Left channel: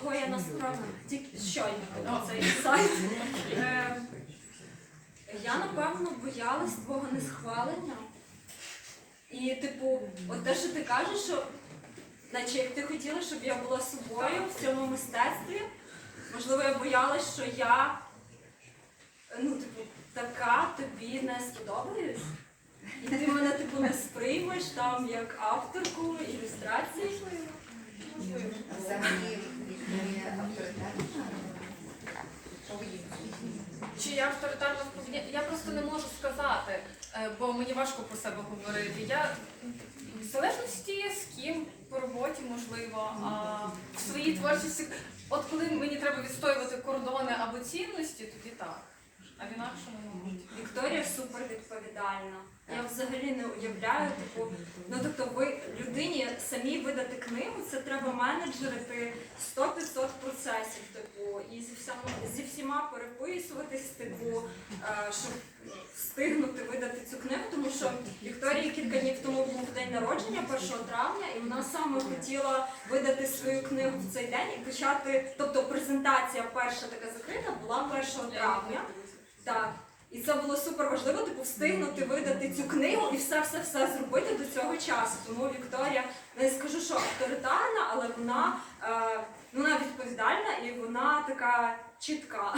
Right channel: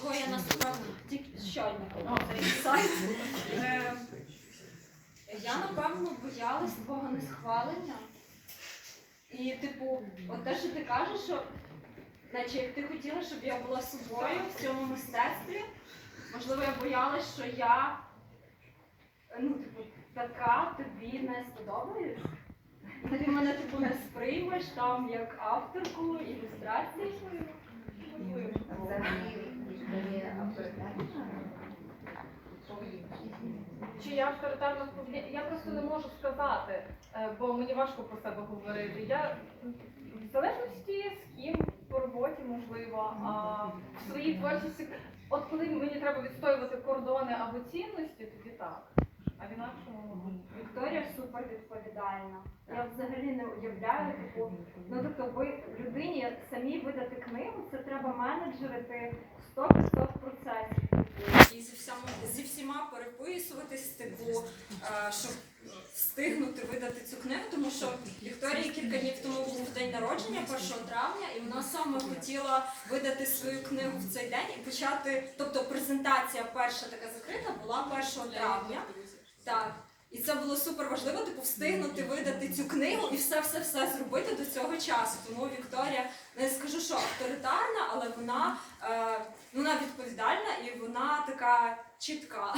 Кого я насправді тільки щойно цей сайт. Е, Я напевно боялась твого несхвалення. І, типу, от те, що ти кажеш, що наче як ти хотіла, щоб я була собою в цьому мистецтві, можливо, я боялась, що я ну, типу, така тобі не сподобаюсь. І ти мене типу не сприймеш там як авторку ілюстрацій. Взагалі Вікторія авторитетна. Чи я авторитарно вповня- Я просто не можу сказати, е, бо мені важко про себе говорити. Я в залежності з ким по роботі, можливо, а в своїй творчості, от коли мені треба відстоювати кордони або цінності, тоді так. А в інакшому, мабуть. Вікторія супер відповідальна. Я взагалі не уявляю, типу, ну тобто ви людині самі видати книгу, це треба менеджерити 100-500 процесів, типу, і зі переписуватись, типу, е, щоб встигнути видати цю книгу, тому що Вікторії кілька днів тому був день народження, 1 травня, і вона саме хотіла видати свою книгу в цей день і почати. Тобто презентація перша така закрита була 1 травня. Так. І це було супер важливо, типу, встигнути видати цю книгу і все-все-все зробити до цього часу. Тому Вікторія, не скажу, що авторитарна, але вона, е, ну, вона відповідальна і вона така чітка.